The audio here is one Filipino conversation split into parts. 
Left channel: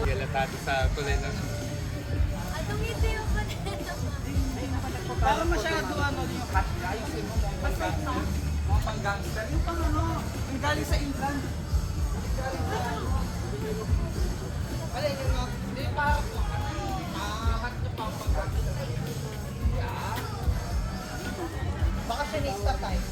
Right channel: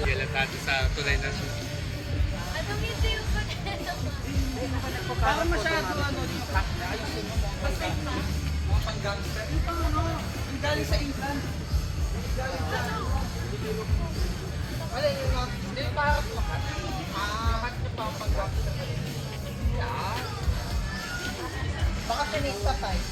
Galatado sa tulay ng Para masyado ayusin mo mga pang-gangster. Yung pang yung galing sa income. Alin yung hindi pa harap mo ka? Harap niyo pa ang pang-gangster. Bakasyonista tayo.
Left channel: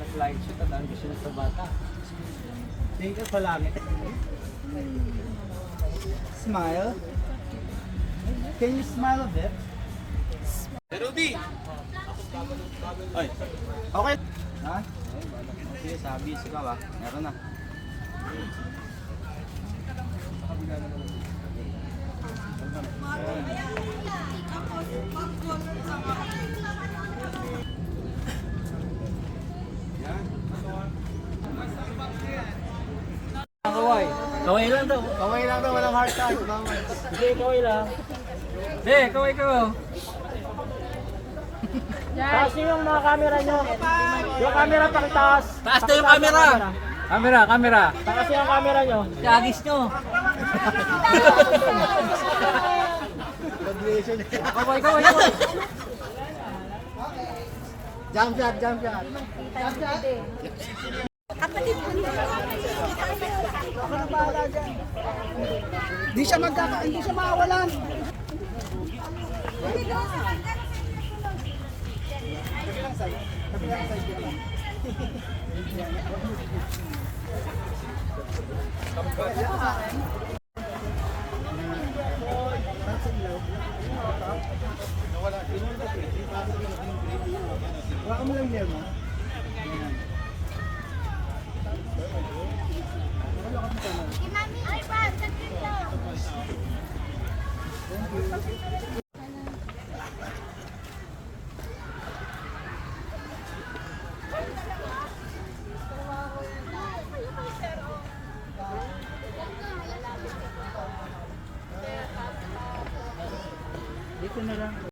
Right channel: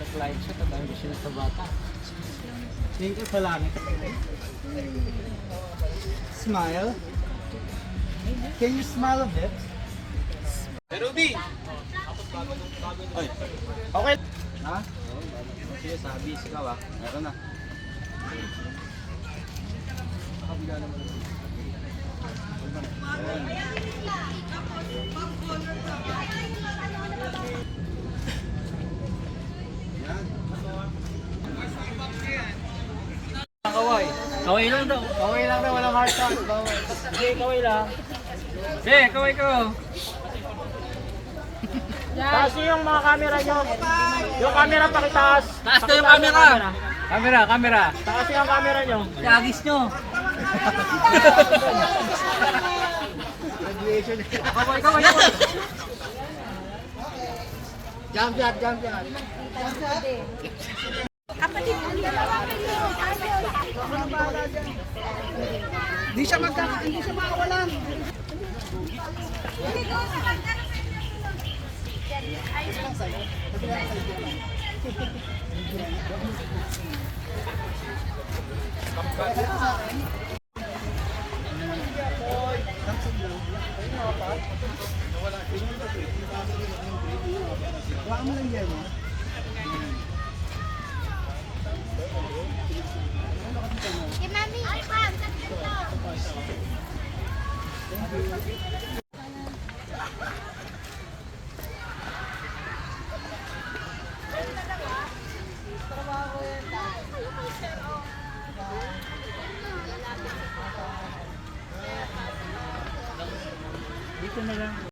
Nag-live siya, tandaan ko sila sa bata. Tingin ko sa langit. Smile. Can you smile a bit? Ruby! Ay. Okay. Ha? Sige, sabi. Sigaw ah. Meron na. Kaway lang daw. Kaway lang daw. Walang heart touch. Hindi, kaway lang. Be, kaway ko. Taas niyo yung mga camera nyo. Yung camera pakitaas. Taas na yung camera. Camera. Taas yung camera nyo. Tagis nyo. Kaway ko. Jump. Hindi siya mawawalan. Wala mo lang yan, no? Mami, ay, Bob,